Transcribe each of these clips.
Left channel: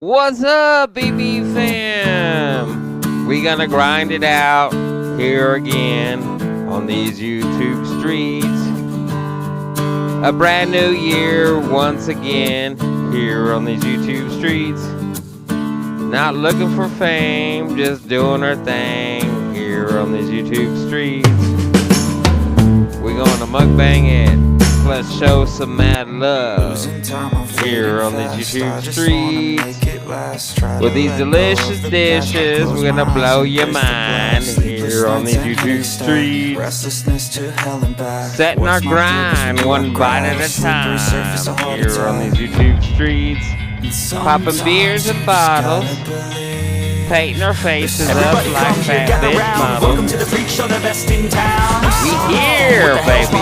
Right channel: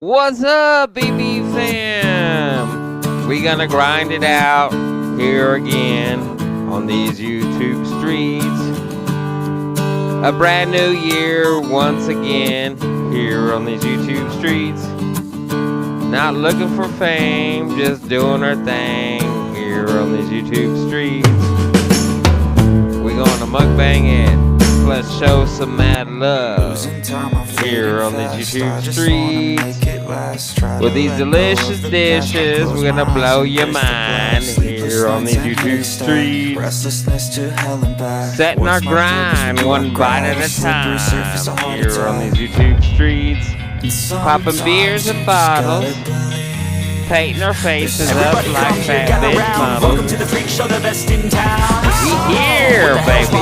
What's up, BB fam? We gonna grind it out here again on these YouTube streets. A brand new year once again here on these YouTube streets. Not looking for fame, just doing our thing here on these YouTube streets. We gonna mukbang it. Let's show some mad love here on these YouTube streets. With these delicious dishes, we're gonna blow your mind here on these YouTube streets. Setting our grind one bite at a time here on these YouTube streets. Popping beers and bottles, painting our faces up like fat bitch models. We here, baby.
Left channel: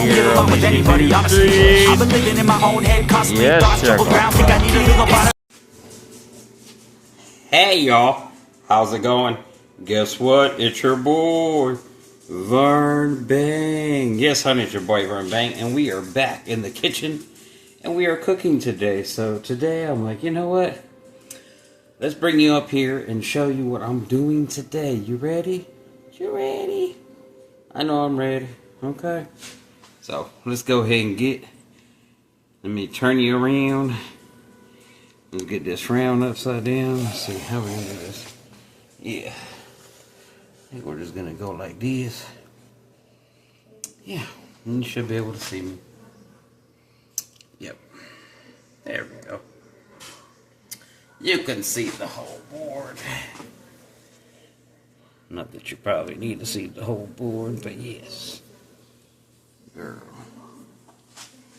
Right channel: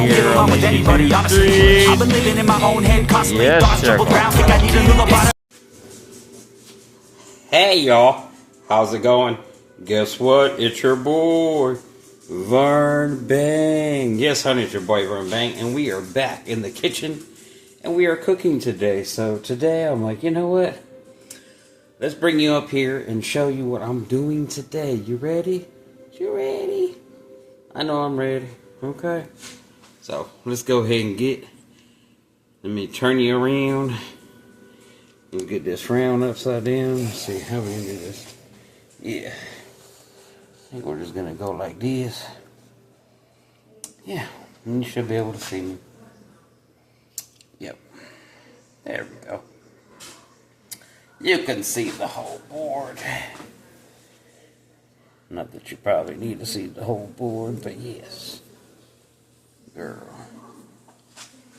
Here on the YouTube streets. Yes, sir. Hey, y'all. How's it going? Guess what? It's your boy, Vern Bang. Yes, honey, it's your boy, Vern Bang. And we are back in the kitchen. And we are cooking today. So today, I'm like, you know what? Let's bring you up here and show you what I'm doing today. You ready? You ready? I know I'm ready. Okay. So, let's go ahead and let me turn you around. Let's get this round upside down. Let's see how we can do this. Yeah. I think we're just going to go like this. Yeah. And you should be able to see me. Yep. There we go. You can see the whole board. Not that you probably need to see the whole board, but yes. Girl.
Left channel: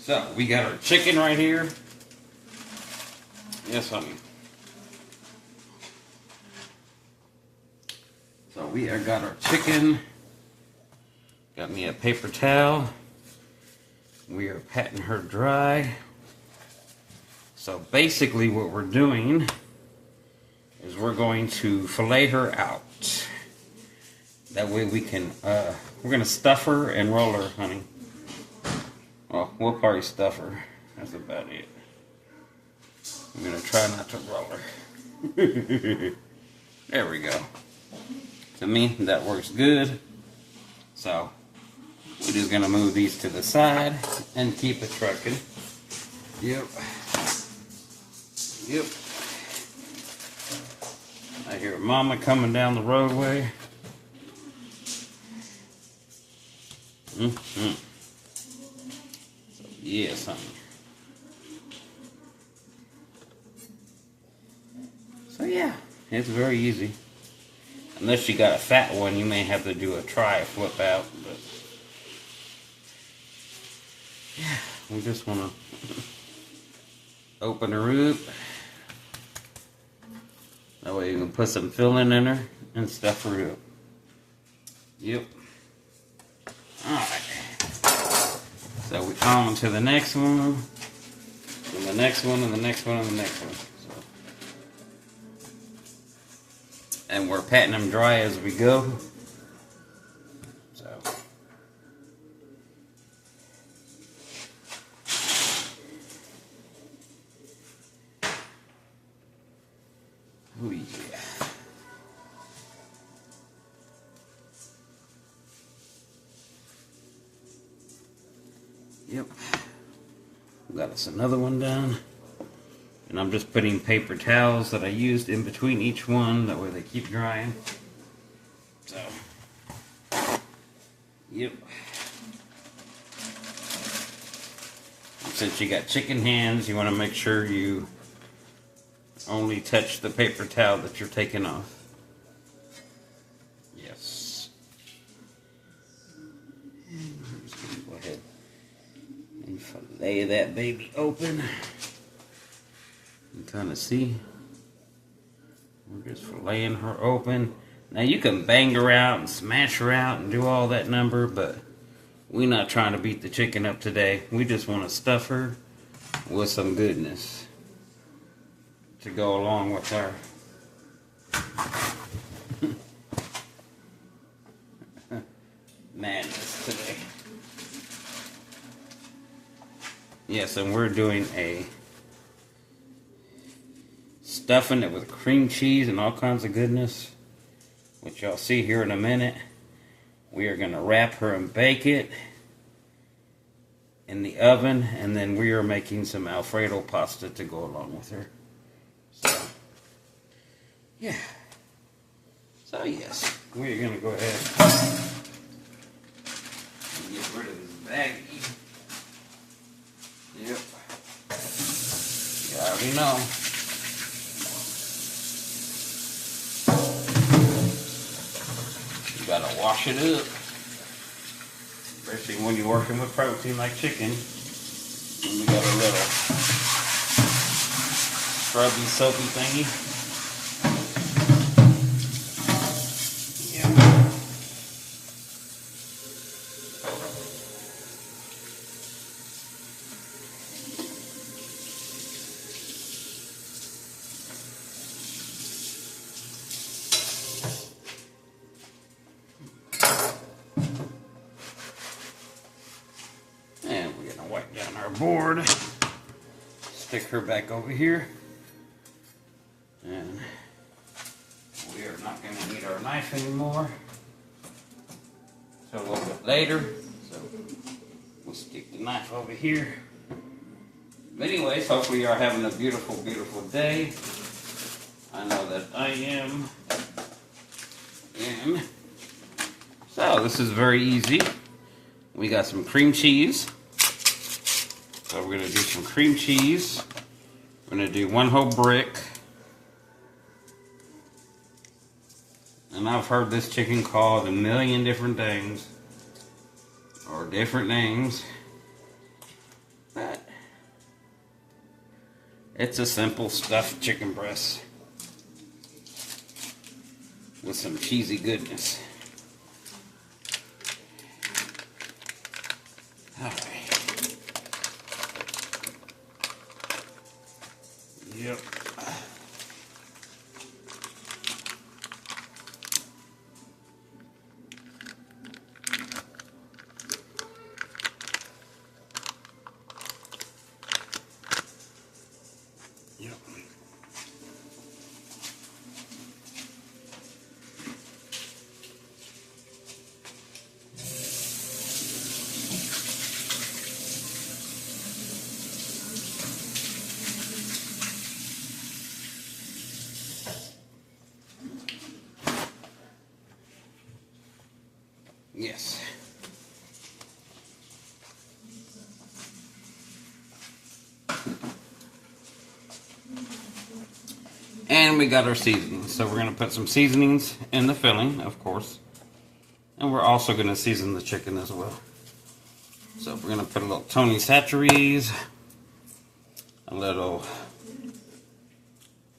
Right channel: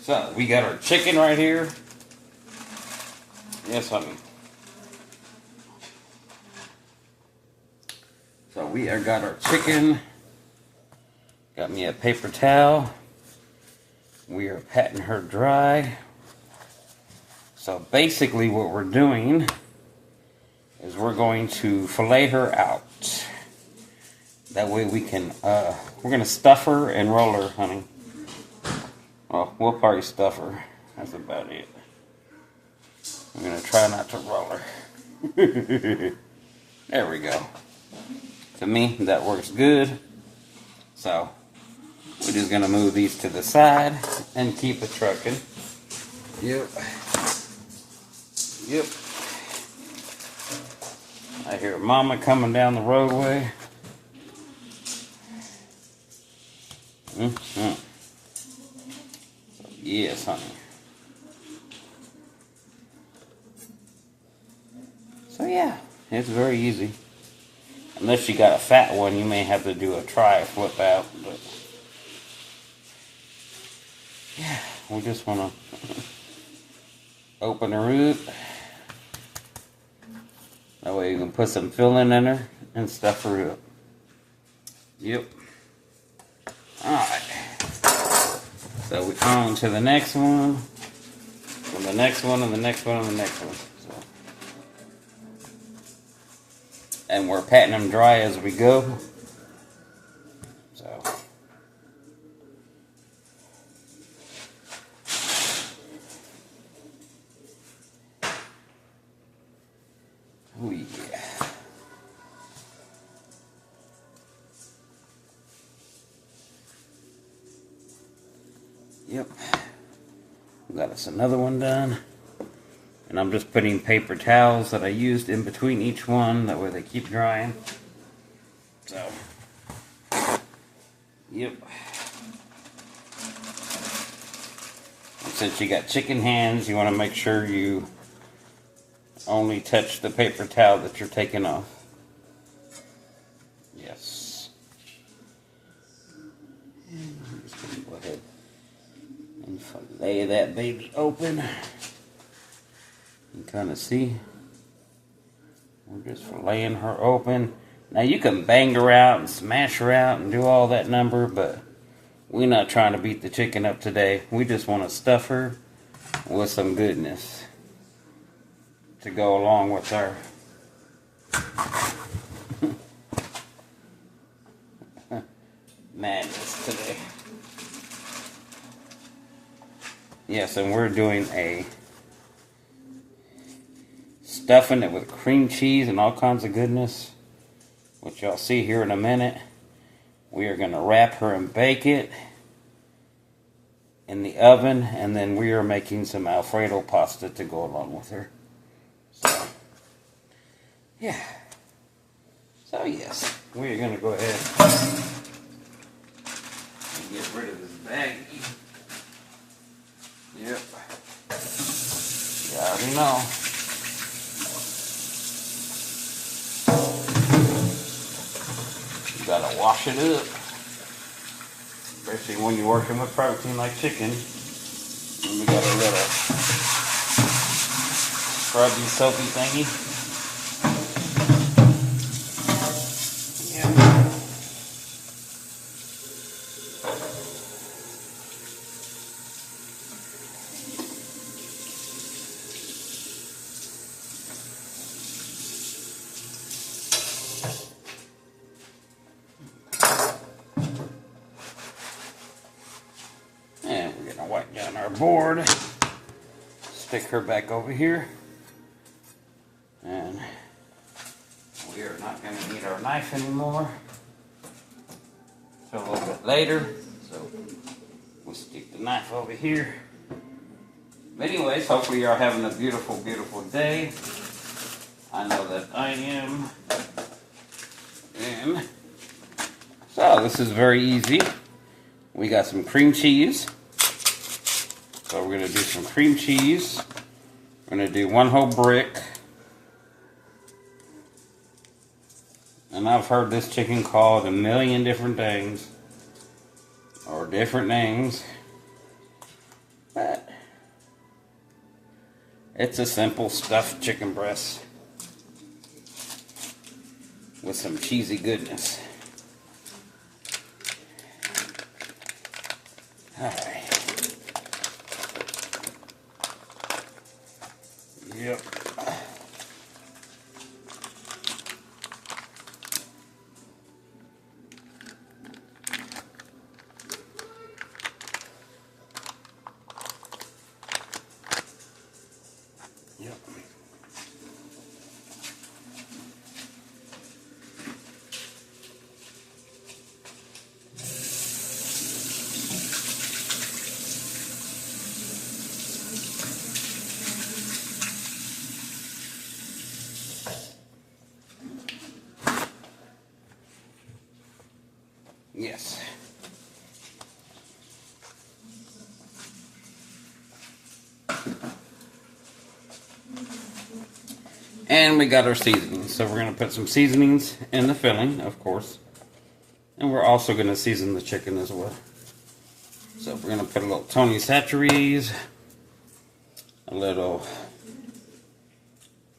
So, we got our chicken right here. Yes, honey. So, we have got our chicken. Got me a paper towel. We are patting her dry. So, basically what we're doing is we're going to fillet her out. That way we can, we're going to stuff her and roll her, honey. Well, we'll probably stuff her. That's about it. I'm going to try not to roll her. There we go. To me, that works good. So, we're just going to move these to the side and keep it trucking. Yep. Yep. I hear Mama coming down the roadway. So, yes, honey. So, yeah, it's very easy. Unless you got a fat one, you may have to do a flip out. But, yeah, we just want to open her up. That way you can put some filling in her and stuff her up. Yep. Alright. So we on to the next one. And the next one, and the next one, and the next one. So. And we're patting them dry as we go. So. Oh yeah. Yep. We got us another one done. And I'm just putting paper towels that I used in between each one. That way they keep drying. So. Yep. And since you got chicken hands, you want to make sure you only touch the paper towel that you're taking off. Yes. I'm just going to go ahead and fillet that baby open. You kind of see. We're just filleting her open. Now you can bang her out and smash her out and do all that number, but we're not trying to beat the chicken up today. We just want to stuff her with some goodness to go along with our madness today. Yes, and we're doing a stuffing it with cream cheese and all kinds of goodness, which y'all see here in a minute. We are going to wrap her and bake it in the oven, and then we are making some Alfredo pasta to go along with her. So, yeah. So, yes, we are going to go ahead and get rid of this baggie. Yep. You already know. You gotta wash it up. Especially when you're working with protein like chicken. And we got a little scrubby, soapy thingy. Yeah. And we're gonna wipe down our board. Stick her back over here. And we are not going to need our knife anymore until a little bit later. So we'll stick the knife over here. But anyways, hopefully you are having a beautiful, beautiful day. I know that I am. And so this is very easy. We got some cream cheese. So we're going to do some cream cheese. We're going to do 1 whole brick. And I've heard this chicken called a million different things. Or different names. But it's a simple stuffed chicken breast. With some cheesy goodness. Alright. Yep. Yep. Yes. And we got our seasonings. So we're going to put some seasonings in the filling, of course. And we're also going to season the chicken as well. So we're going to put a little Tony Chachere's, a little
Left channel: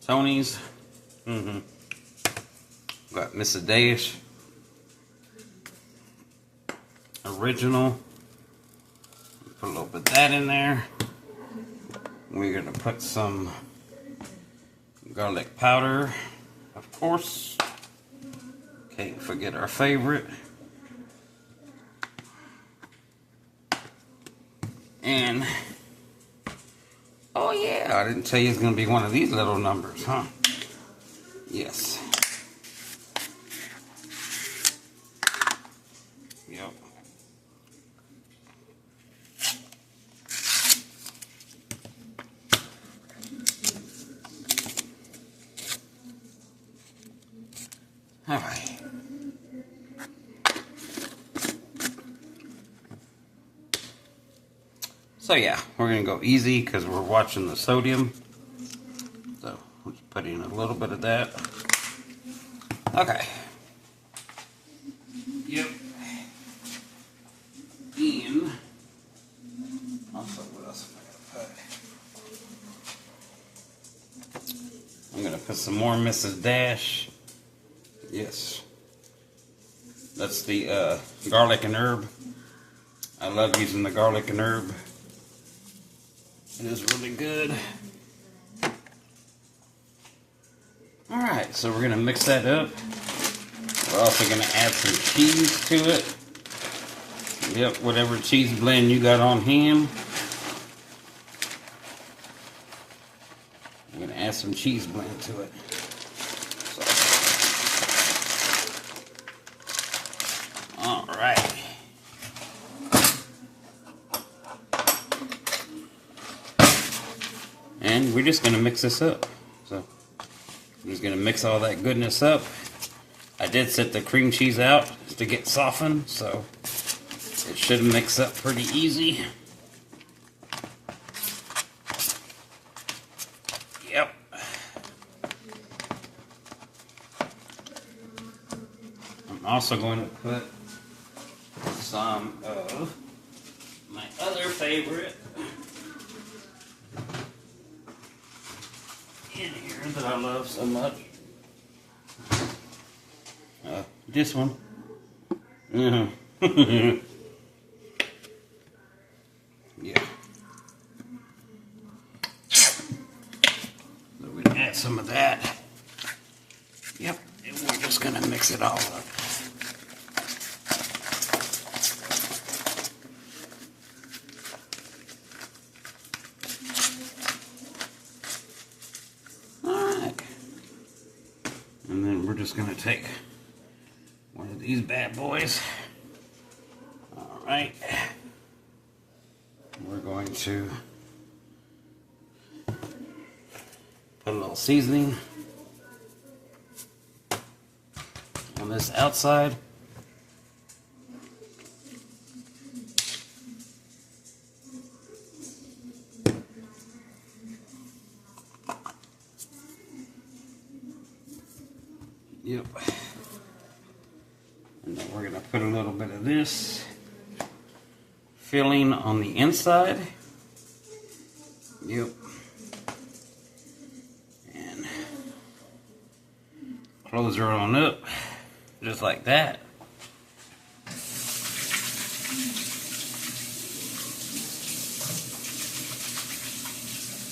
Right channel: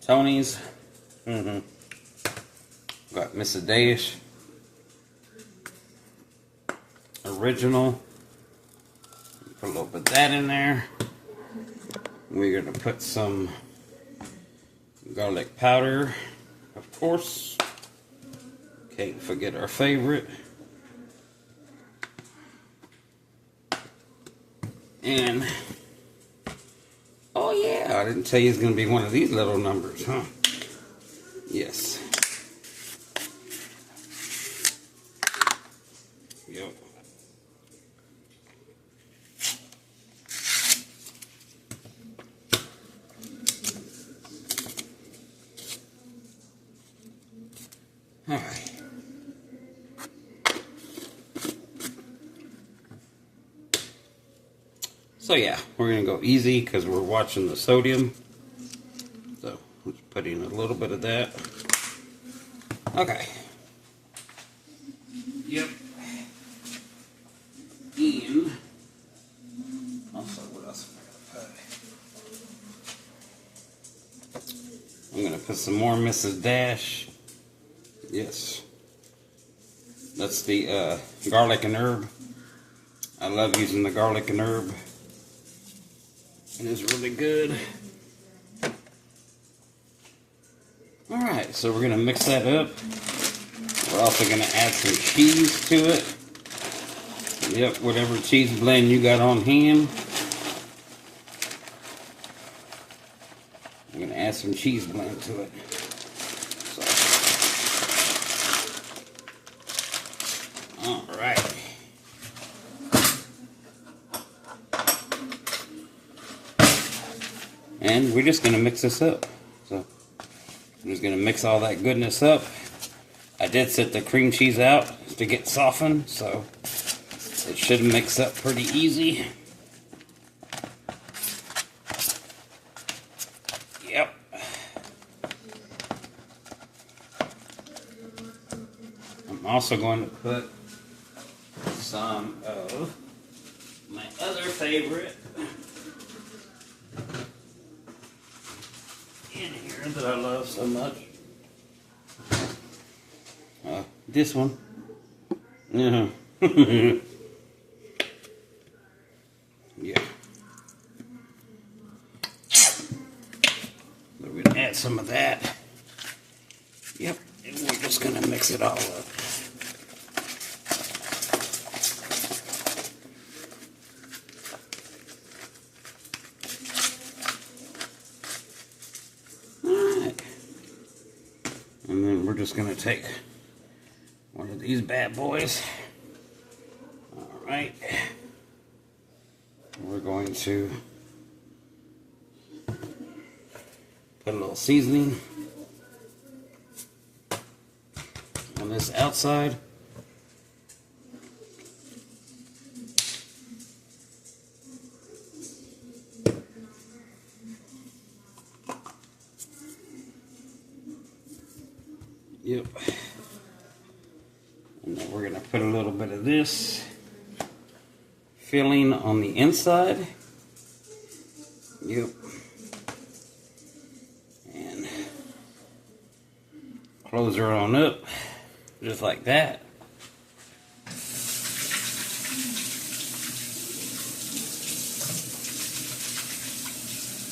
Tony's. Got Mrs. Dash. Original. Put a little bit of that in there. We're going to put some garlic powder, of course. Can't forget our favorite. And, oh yeah, I didn't tell you it's going to be one of these little numbers, huh? Yes. Yep. All right. So yeah, we're going to go easy because we're watching the sodium. So let's put in a little bit of that. Okay. Yep. And also, what else am I going to put? I'm going to put some more Mrs. Dash. Yes. That's the garlic and herb. I love using the garlic and herb. It is really good. Alright, so we're going to mix that up. We're also going to add some cheese to it. Yep, whatever cheese blend you got on hand. I'm going to add some cheese blend to it. So. All right. And we're just going to mix this up. So I'm just going to mix all that goodness up. I did set the cream cheese out to get softened, so it should mix up pretty easy. Yep. I'm also going to put some of my other favorite in here that I love so much. This one. Yeah. Yeah. So we're gonna add some of that. Yep. And we're just gonna mix it all up. Alright. And then we're just gonna take one of these bad boys. All right. We're going to put a little seasoning on this outside. Yep. And then we're going to put a little bit of this filling on the inside. Yep. And close her on up, just like that.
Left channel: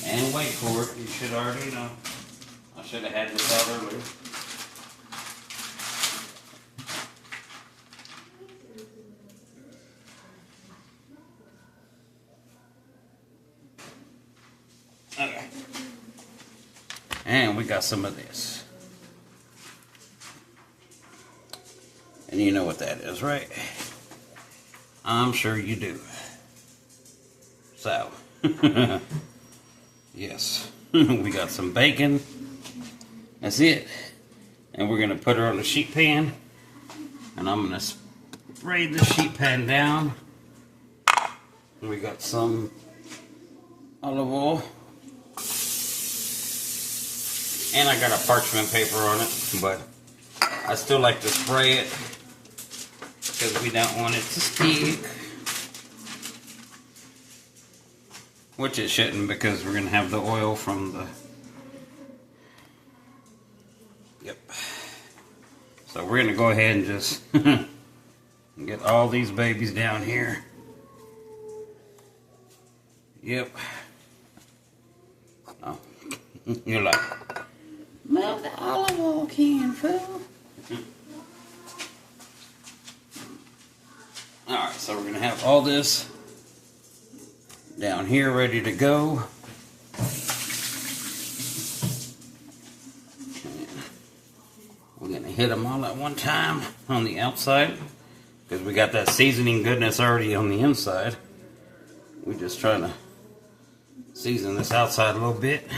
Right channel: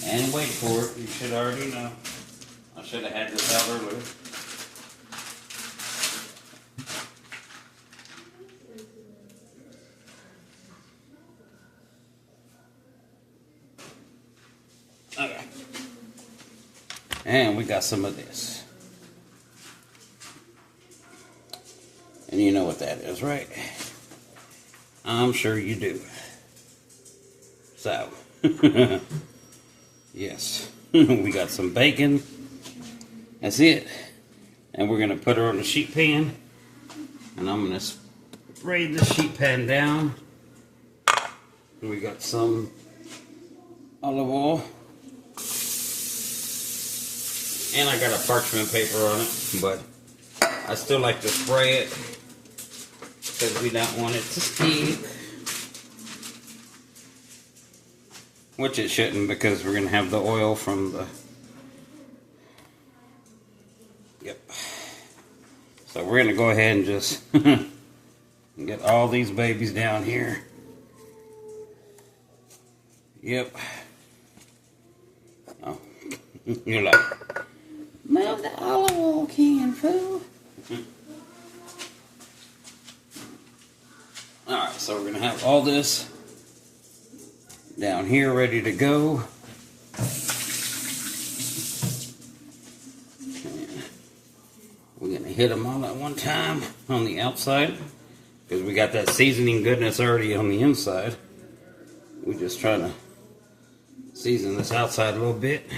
And wait for it. You should already know. I should have had this out earlier. Okay. And we got some of this. And you know what that is, right? I'm sure you do. So, yes. We got some bacon. That's it. And we're going to put her on the sheet pan. And I'm going to spray the sheet pan down. And we got some olive oil. And I got a parchment paper on it, but I still like to spray it because we don't want it to stick. Which it shouldn't, because we're going to have the oil from the... Yep. So we're going to go ahead and just get all these babies down here. Yep. Oh. You're like... Move the olive oil can, fool. Alright, so we're going to have all this down here ready to go. We're going to hit them all at one time on the outside because we got that seasoning goodness already on the inside. We're just trying to season this outside a little bit.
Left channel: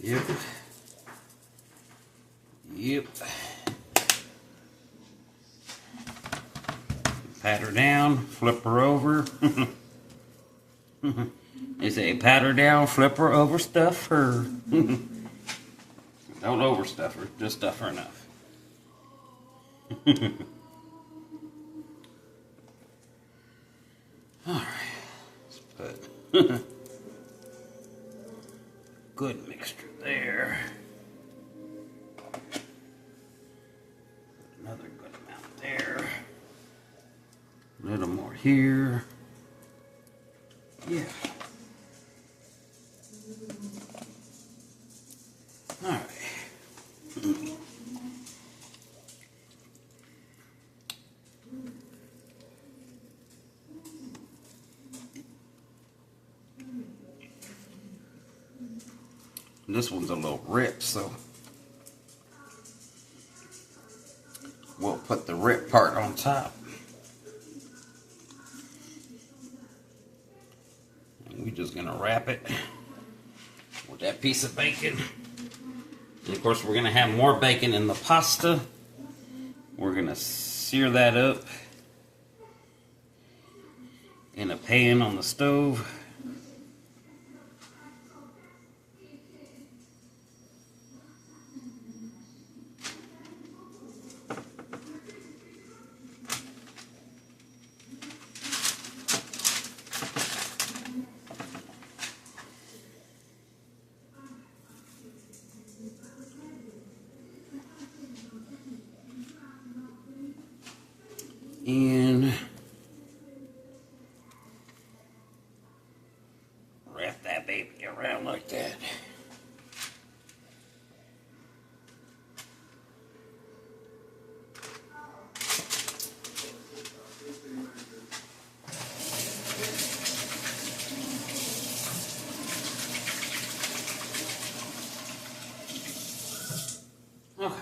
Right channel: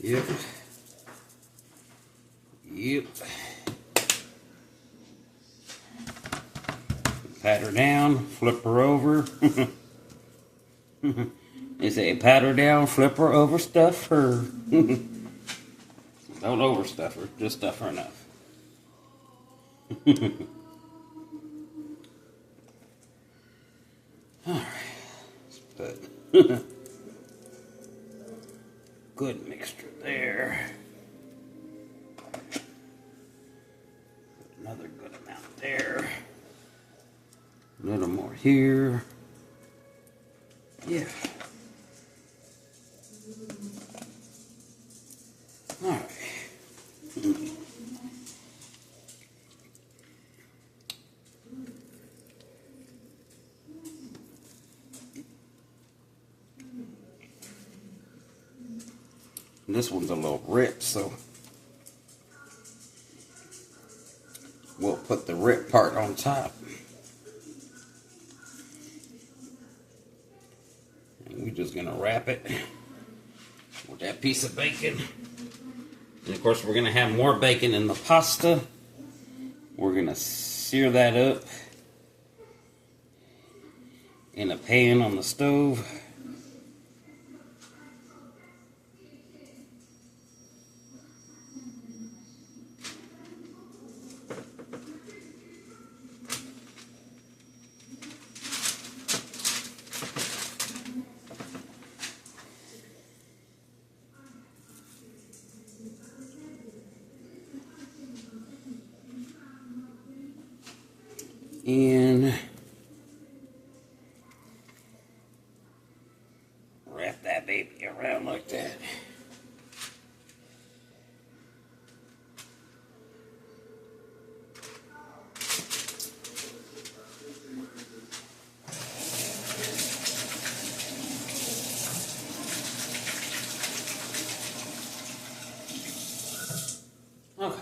Yep. Yep. Pat her down, flip her over. They say pat her down, flip her over, stuff her. Don't overstuff her, just stuff her enough. Alright, let's put good mixture there. Another good amount there. A little more here. Yeah. All right. This one's a little ripped, so we'll put the rip part on top. And we're just gonna wrap it with that piece of bacon. And of course, we're gonna have more bacon in the pasta. We're gonna sear that up in a pan on the stove. And wrap that baby around like that. Okay.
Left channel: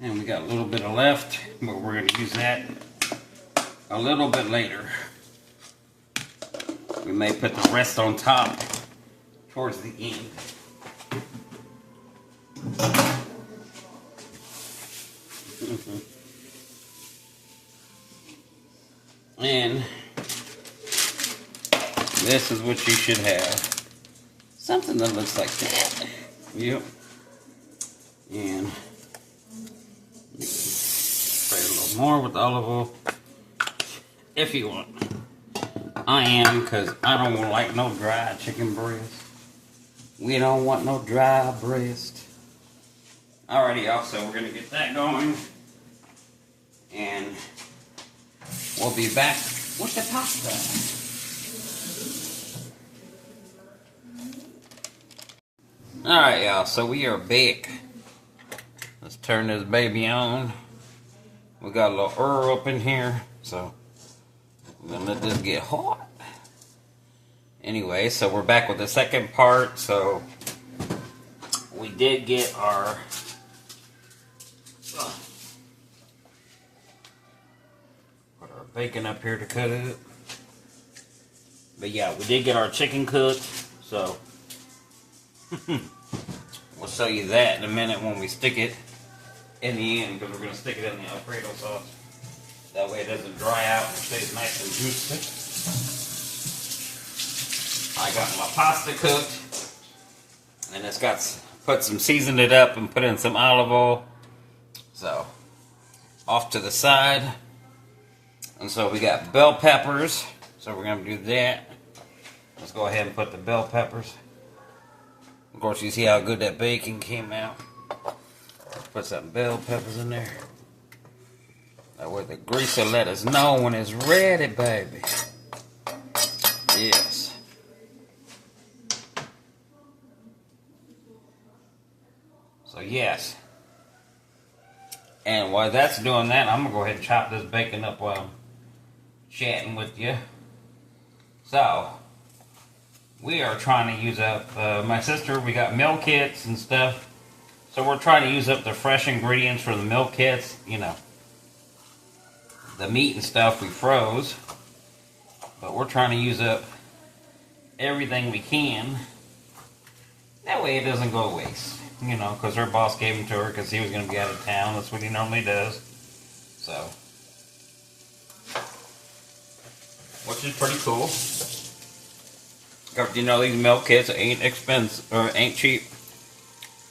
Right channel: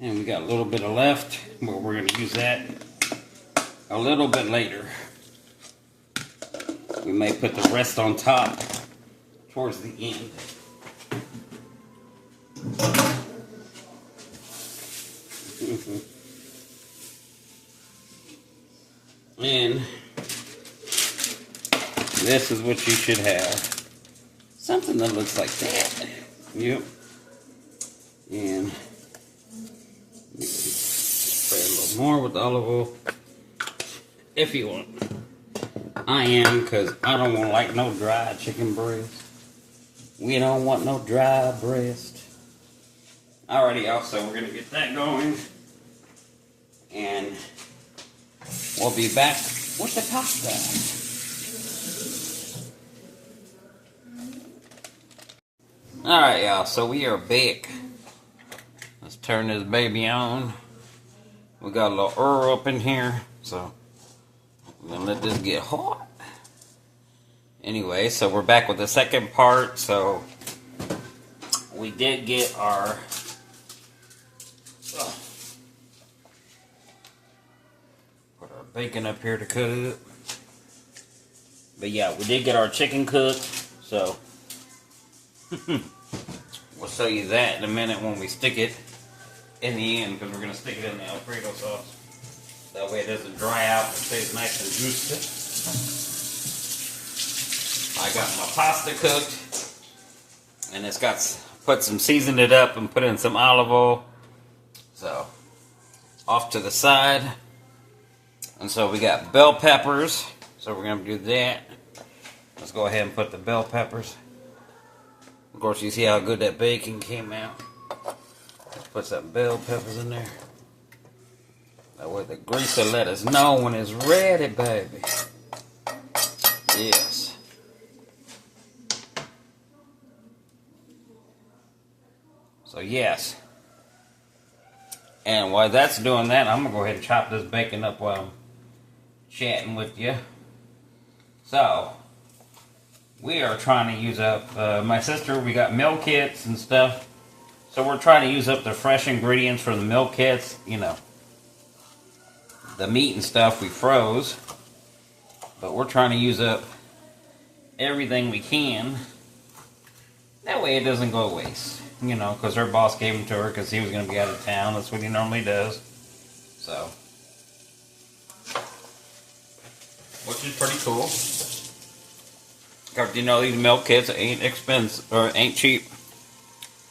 And we got a little bit of left, but we're going to use that a little bit later. We may put the rest on top towards the end. And this is what you should have. Something that looks like that. Yep. And spray a little more with olive oil if you want. I am, because I don't like no dry chicken breast. We don't want no dry breast. Alrighty, y'all, so we're going to get that going. And we'll be back with the pasta. Alright, y'all, so we are back. Let's turn this baby on. We got a little oil up in here, so we're gonna let this get hot. Anyway, so we're back with the second part. So we did get our put our bacon up here to cook it. But yeah, we did get our chicken cooked, so we'll show you that in a minute when we stick it in the end, because we're going to stick it in the Alfredo sauce. That way it doesn't dry out and stays nice and juicy. I got my pasta cooked, and it's got seasoned it up and put in some olive oil. So, off to the side. And so we got bell peppers, so we're going to do that. Let's go ahead and put the bell peppers. Of course, you see how good that bacon came out. Let's put some bell peppers in there. That way the grease will let us know when it's ready, baby. Yes. So, yes. And while that's doing that, I'm going to go ahead and chop this bacon up while I'm chatting with you. So, we are trying to use up, my sister, we got meal kits and stuff. So we're trying to use up the fresh ingredients for the meal kits. You know, the meat and stuff we froze. But we're trying to use up everything we can. That way it doesn't go to waste. You know, because her boss gave them to her because he was going to be out of town. That's what he normally does. So, which is pretty cool. Because, you know, these meal kits ain't expensive, or ain't cheap.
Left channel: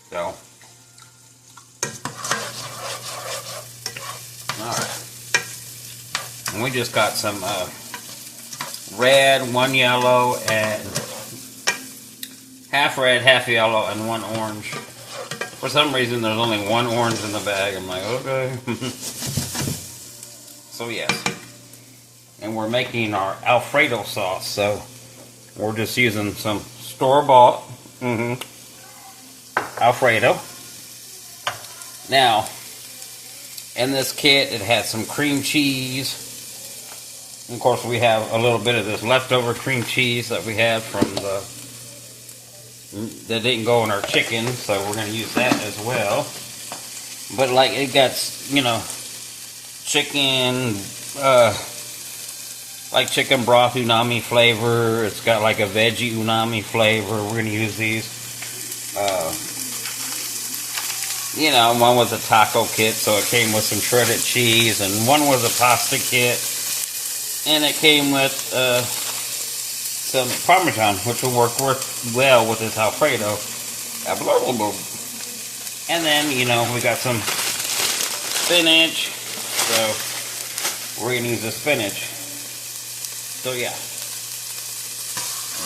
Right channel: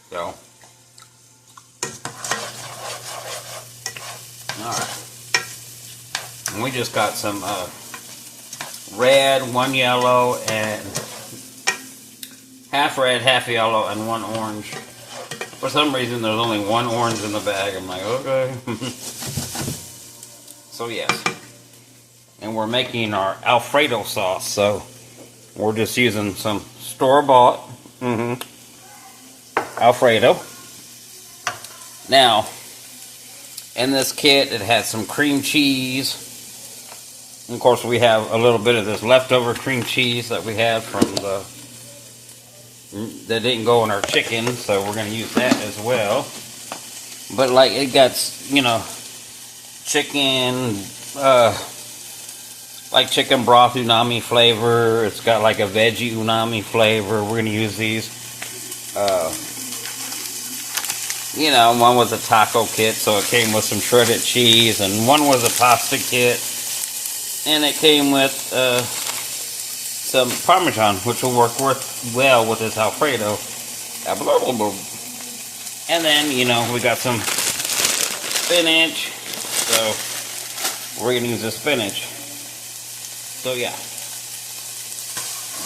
So, alright. And we just got some red, one yellow, and half red, half yellow, and one orange. For some reason, there's only one orange in the bag. I'm like, okay. So, yes. And we're making our Alfredo sauce. So, we're just using some store-bought Alfredo. Now, in this kit, it had some cream cheese, Of course, we have a little bit of this leftover cream cheese that we had from that didn't go in our chicken, so we're going to use that as well. But like it got, you know, chicken, like chicken broth unami flavor. It's got like a veggie unami flavor. We're going to use these. You know, one was a taco kit, so it came with some shredded cheese, and one was a pasta kit, and it came with some Parmesan, which will work well with this Alfredo. And then, you know, we got some spinach, so we're going to use the spinach. So yeah,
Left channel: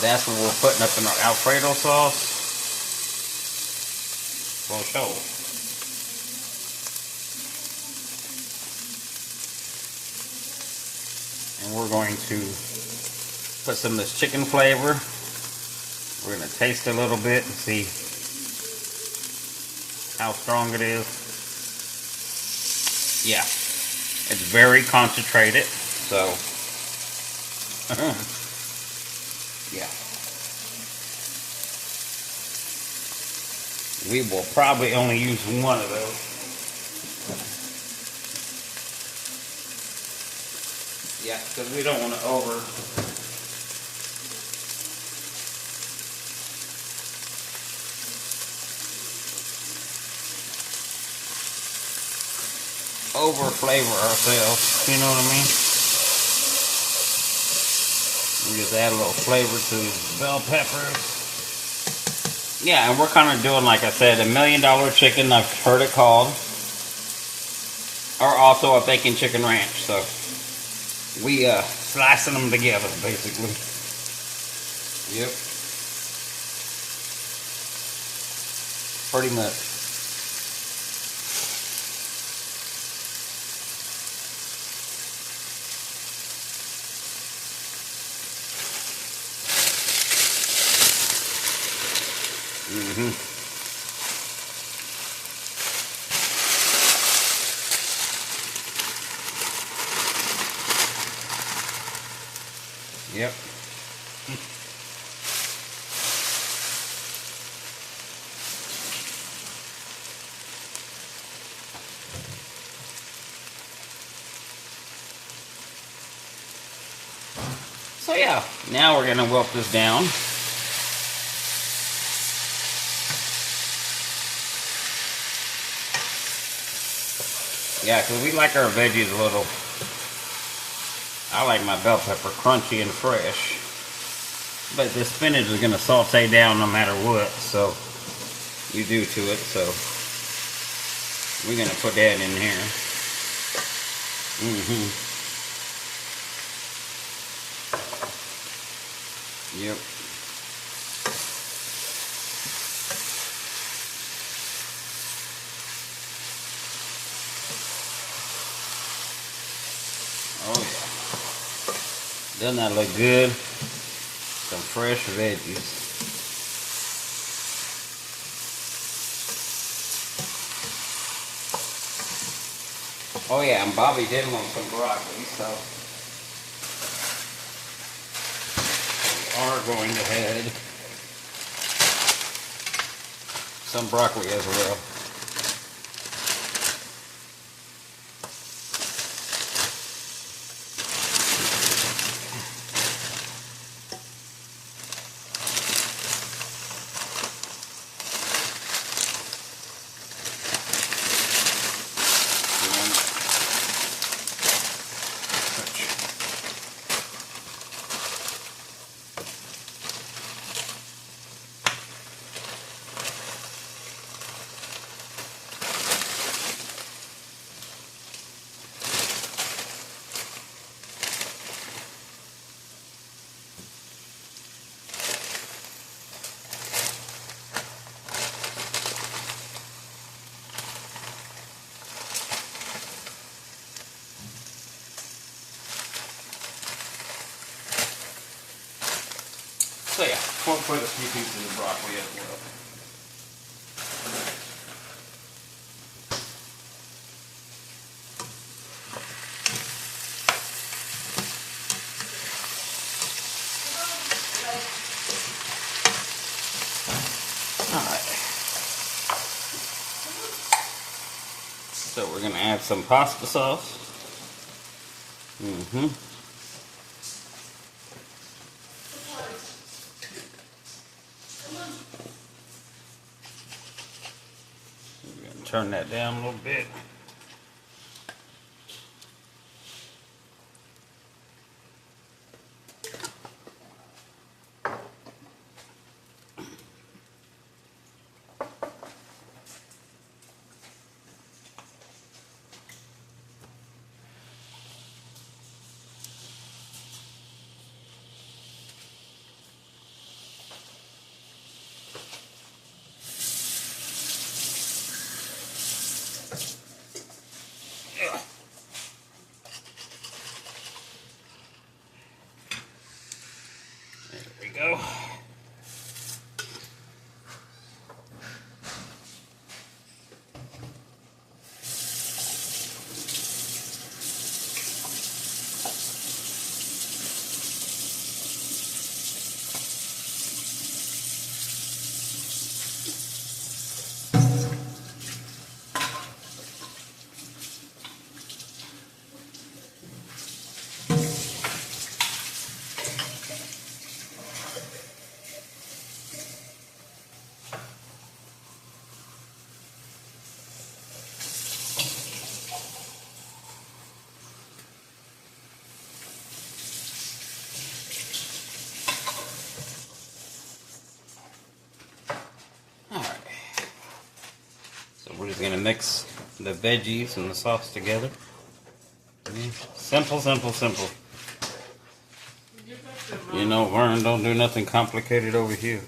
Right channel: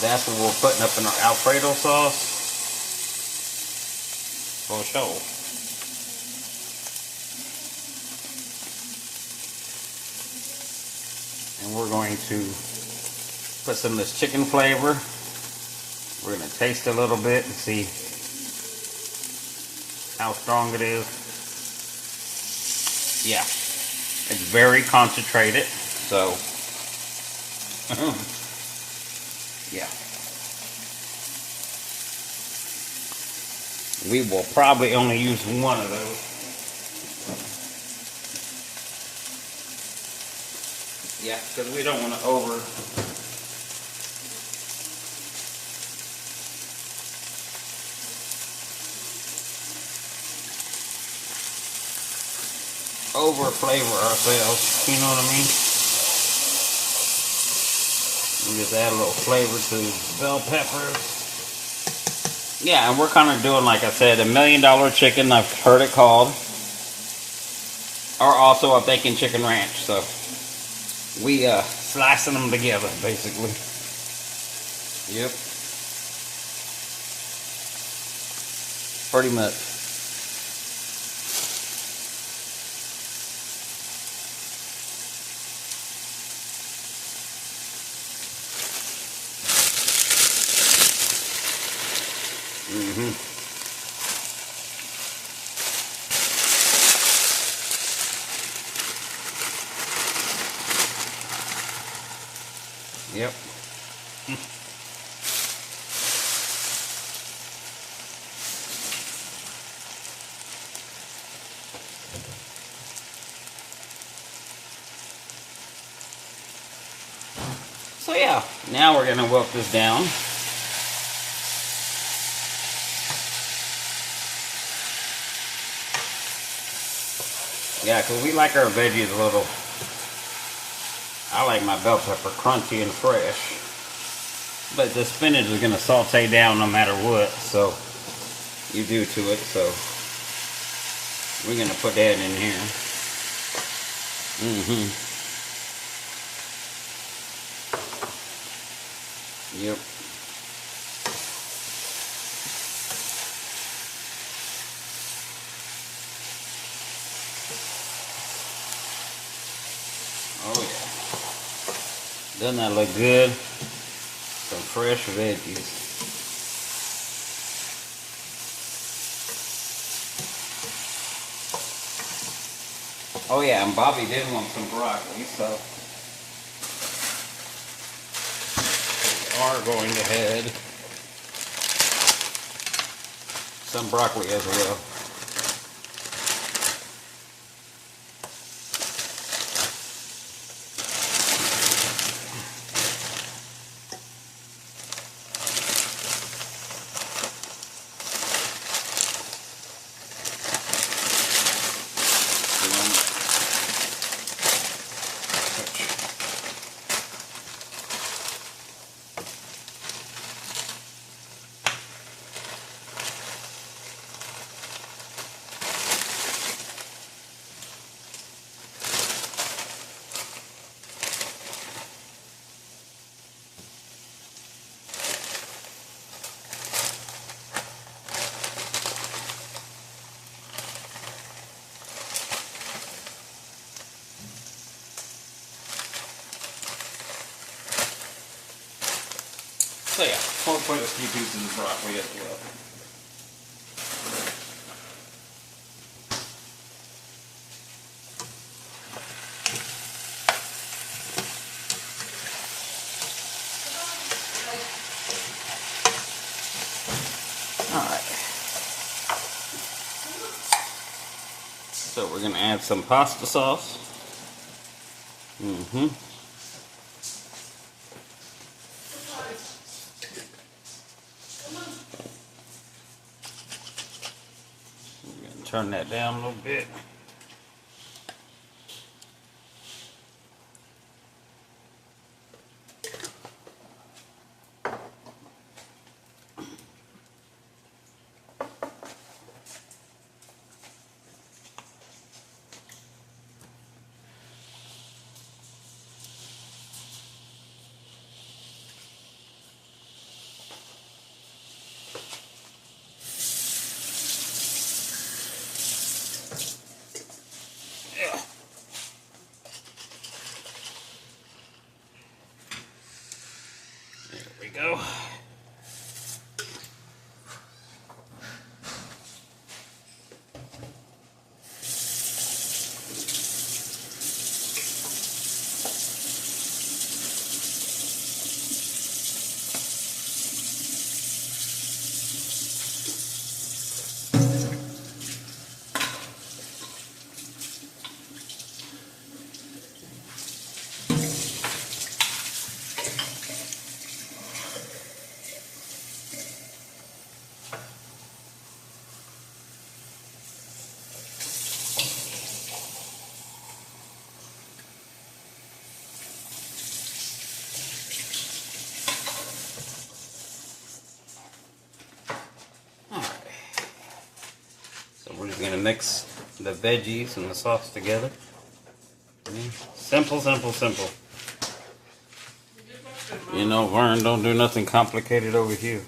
that's what we're putting up in our Alfredo sauce. For sure. And we're going to put some of this chicken flavor. We're going to taste a little bit and see how strong it is. Yeah, it's very concentrated, so yeah. We will probably only use one of those. Yeah, because we don't want to over flavor ourselves. You know what I mean? We just add a little flavor to bell peppers. Yeah, and we're kind of doing, like I said, $1 million chicken. I've heard it called, or also a bacon chicken ranch. So we slicing them together, basically. Yep. Pretty much. Mm-hmm. Yep. So yeah, now we're gonna wilt this down. Yeah, because we like our veggies a little. I like my bell pepper crunchy and fresh. But the spinach is going to saute down no matter what, so you do to it. So we're going to put that in here. Yep. Oh yeah. Doesn't that look good? Some fresh veggies. Oh yeah, and Bobby did want some broccoli, so we are going to head some broccoli as well. So yeah, we'll put a few pieces of broccoli as well. we're gonna add some pasta sauce. Turn that down a little bit. There we go. We're just gonna mix the veggies and the sauce together. Simple, simple, simple. You know, Vern don't do nothing complicated over here.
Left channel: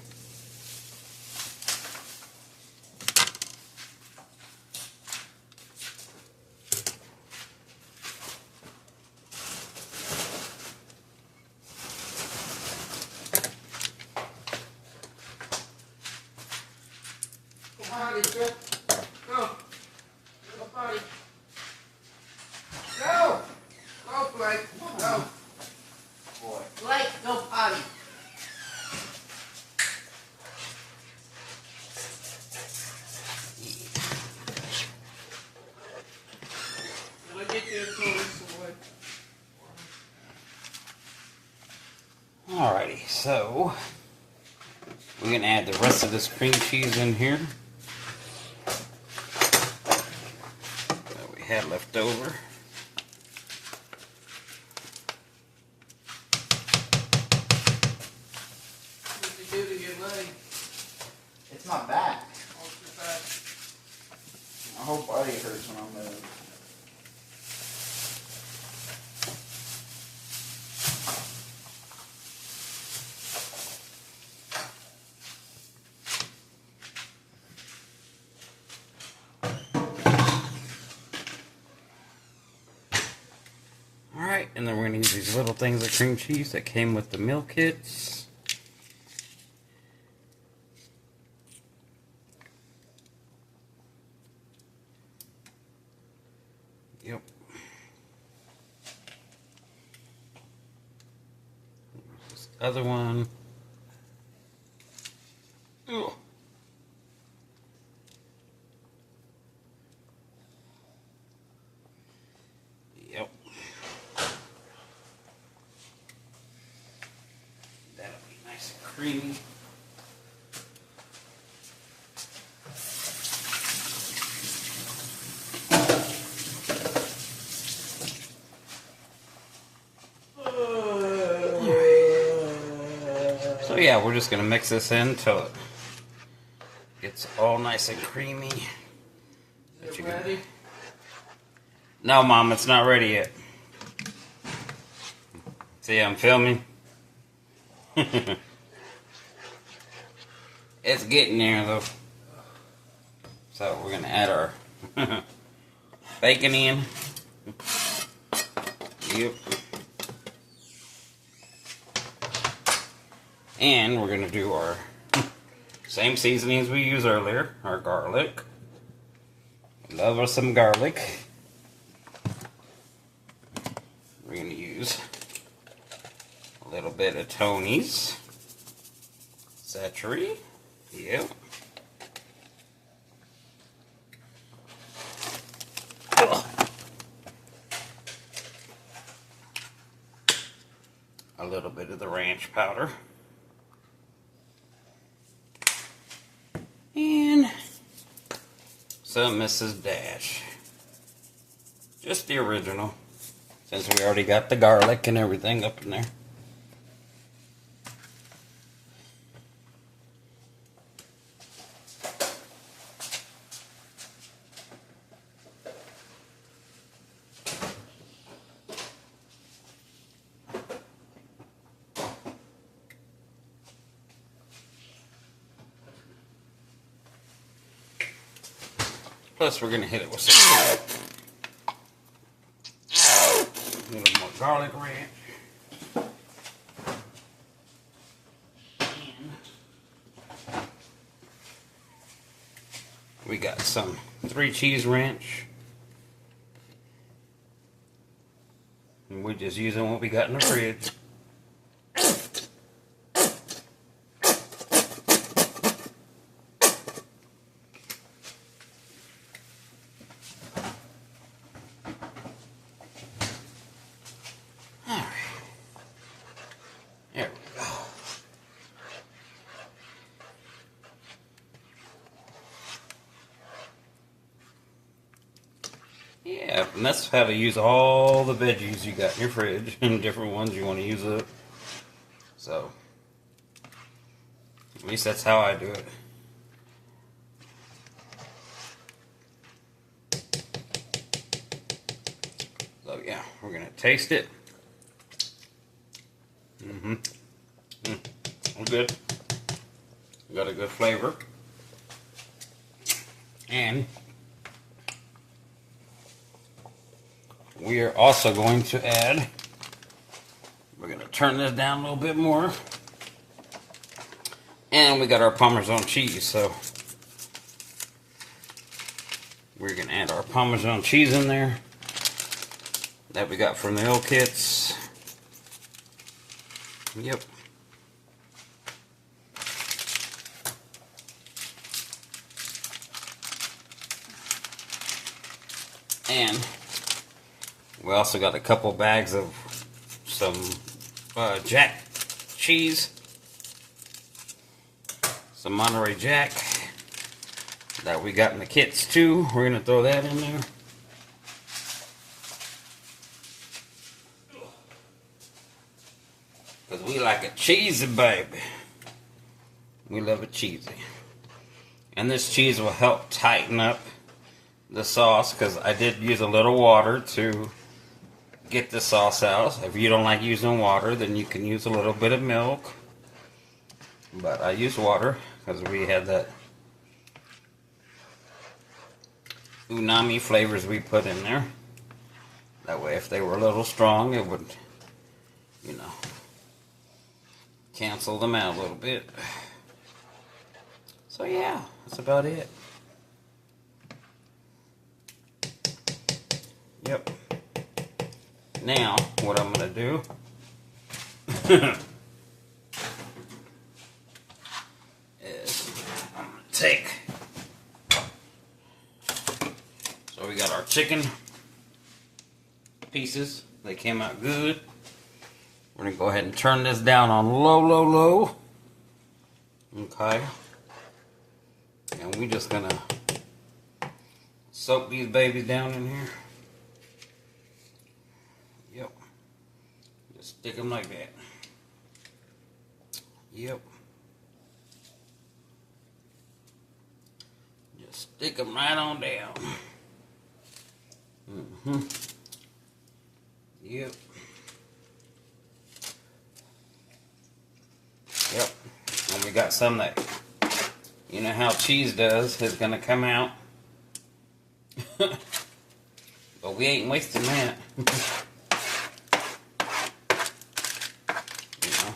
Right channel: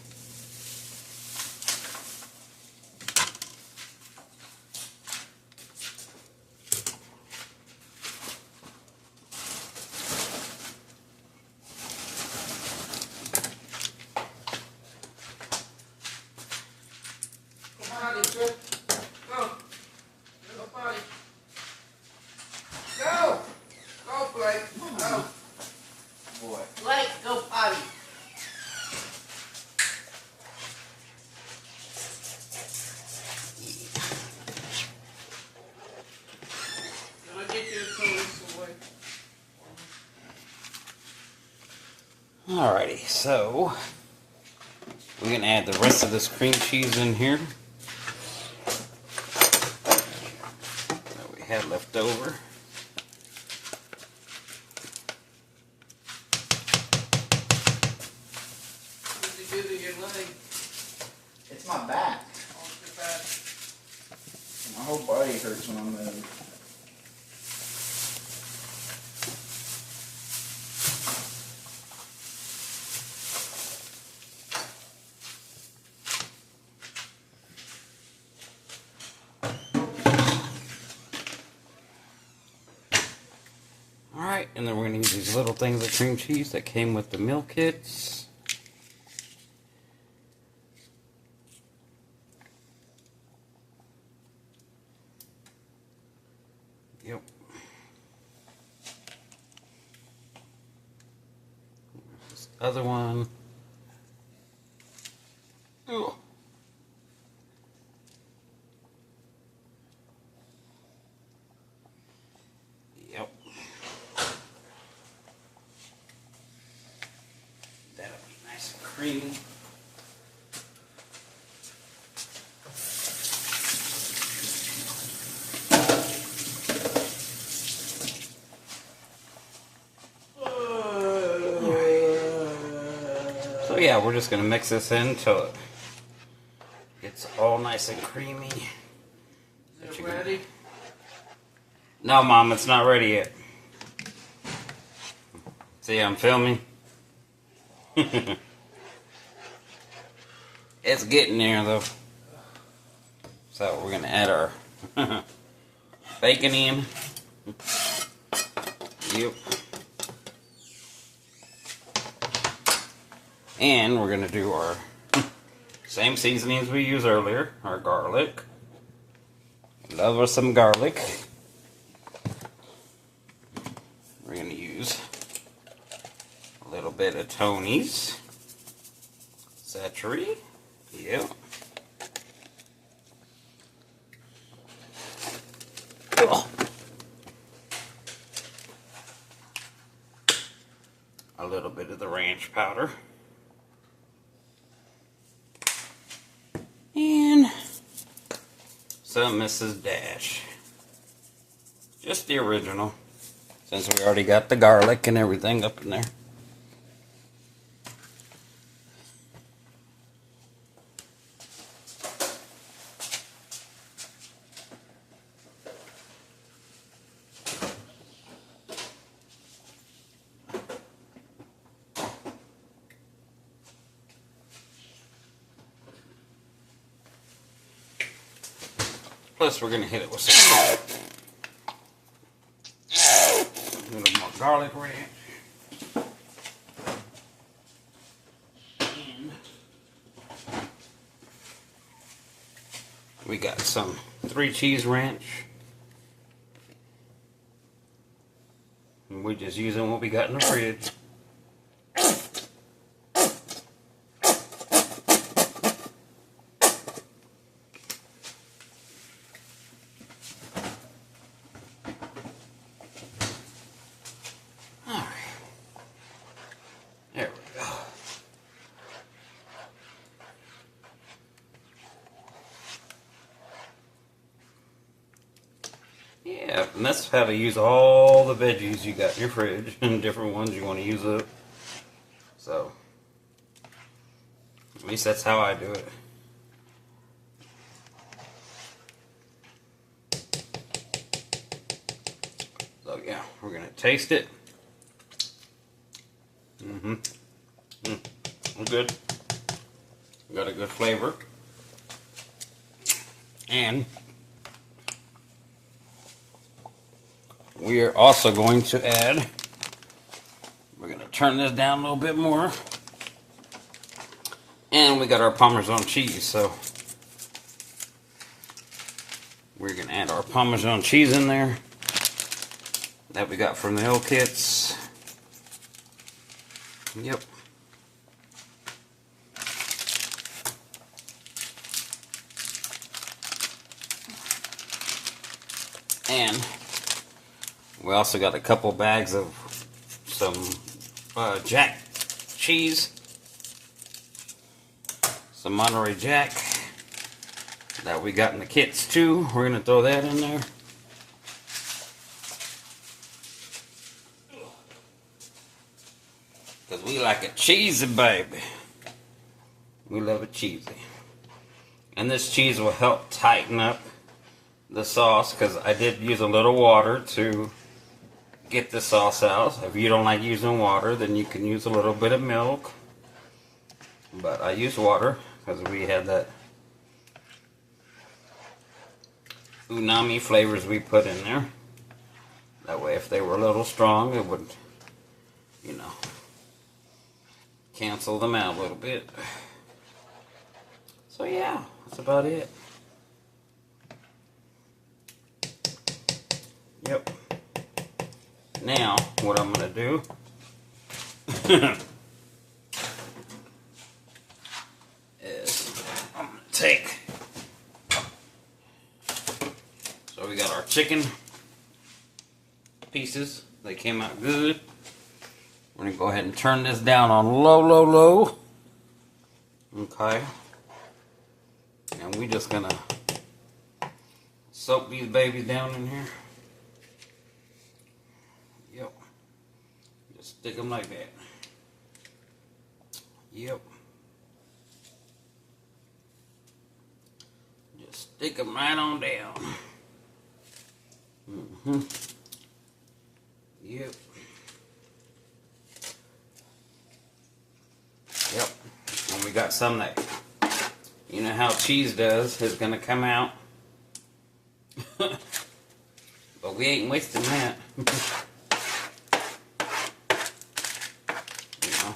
Alrighty, so we're gonna add the rest of this cream cheese in here that we had left over. What did you do to your leg? It's my back. Oh, it's your back. My whole body hurts when I move. Alright, and then we're going to use these little things of cream cheese that came with the meal kits. Yep. This other one. Ugh. Yep. That'll be nice and creamy. So yeah, we're just gonna mix this in until it gets all nice and creamy. Is it ready? No, Mom, it's not ready yet. See, I'm filming. It's getting there, though. So we're gonna add our bacon in. Yep. And we're gonna do our same seasonings we used earlier. Our garlic. Love us some garlic. We're going to use a little bit of Tony's. Szechuan. Yep. A little bit of the ranch powder. And some Mrs. Dash. Just the original, since we already got the garlic and everything up in there. Plus, we're going to hit it with some salt. A little more garlic ranch. And we got some 3 cheese ranch. And we're just using what we got in the fridge. There we go. Yeah, and that's how to use all the veggies you got in your fridge and different ones you want to use up. So, at least that's how I do it. So yeah, we're gonna taste it. Good. Got a good flavor. And we are also going to add, we're going to turn this down a little bit more. And we got our Parmesan cheese, so we're going to add our Parmesan cheese in there that we got from the L kits. Yep. And we also got a couple bags of some Jack cheese, some Monterey Jack that we got in the kits too. We're going to throw that in there. Because we like a cheesy baby. We love it cheesy. And this cheese will help tighten up the sauce, because I did use a little water to get the sauce out. If you don't like using water, then you can use a little bit of milk. But I use water because we had that umami flavors we put in there. That way, if they were a little strong, it would, you know, cancel them out a little bit. So yeah, that's about it. Yep. Now, what I'm going to do is I'm going to take, so we got our chicken pieces. They came out good. We're going to go ahead and turn this down on low. Okay. And we're just going to soak these babies down in here. Yep. Just stick them like that. Yep. Just stick them right on down. Yep. Yep. And we got some that, you know how cheese does, is going to come out. But we ain't wasting that. You know.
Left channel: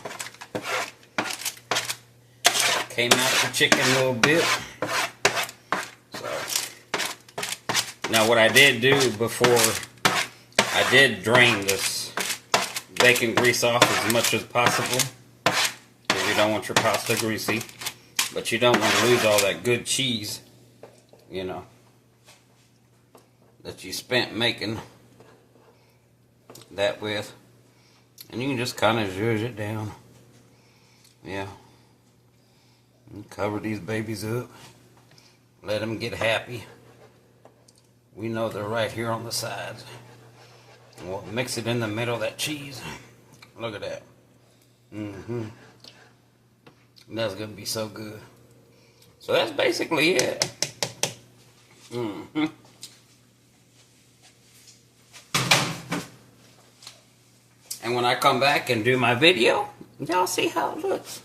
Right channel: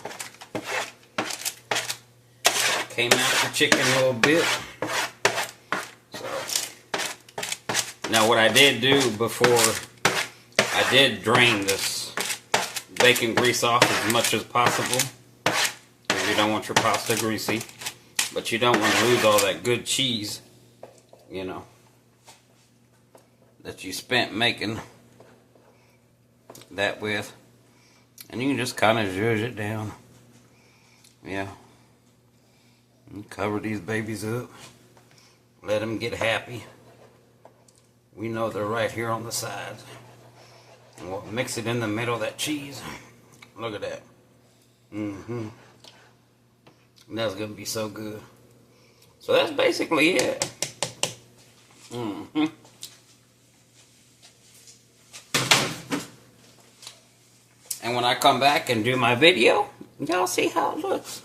Came out the chicken a little bit. So now what I did do before, I did drain this bacon grease off as much as possible. Because you don't want your pasta greasy. But you don't want to lose all that good cheese, you know. that you spent making that with. And you can just kind of zhuzh it down. Yeah. And cover these babies up. Let them get happy. We know they're right here on the sides. And we'll mix it in the middle of that cheese. Look at that. That's going to be so good. So that's basically it. And when I come back and do my video, y'all see how it looks.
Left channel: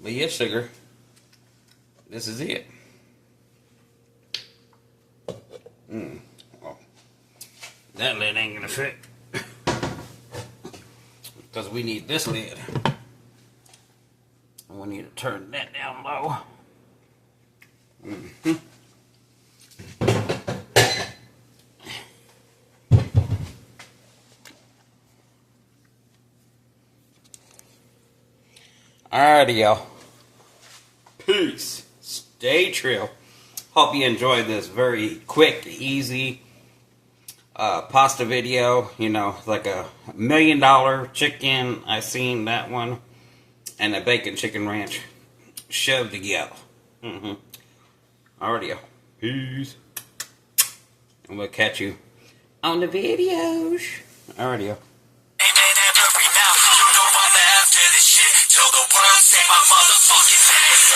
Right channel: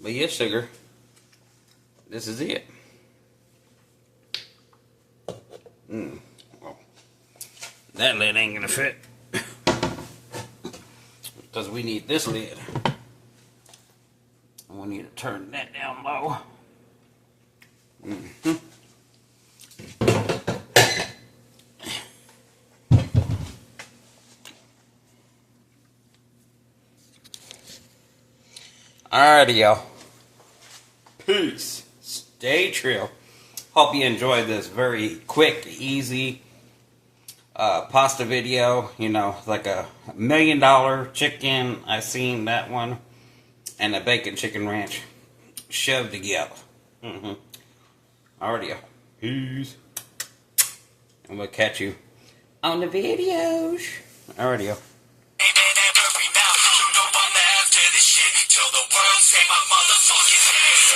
But yeah, sugar, this is it. Well, that lid ain't gonna fit. Because we need this lid. And we need to turn that down low. Alrighty, y'all. Peace. Stay true. Hope you enjoyed this very quick, easy pasta video. You know, like a $1 million chicken. I seen that one. And a bacon chicken ranch shoved together. Alrighty, y'all. Peace. And we'll catch you on the videos. Alrighty, y'all. Till the world say my motherfucking name.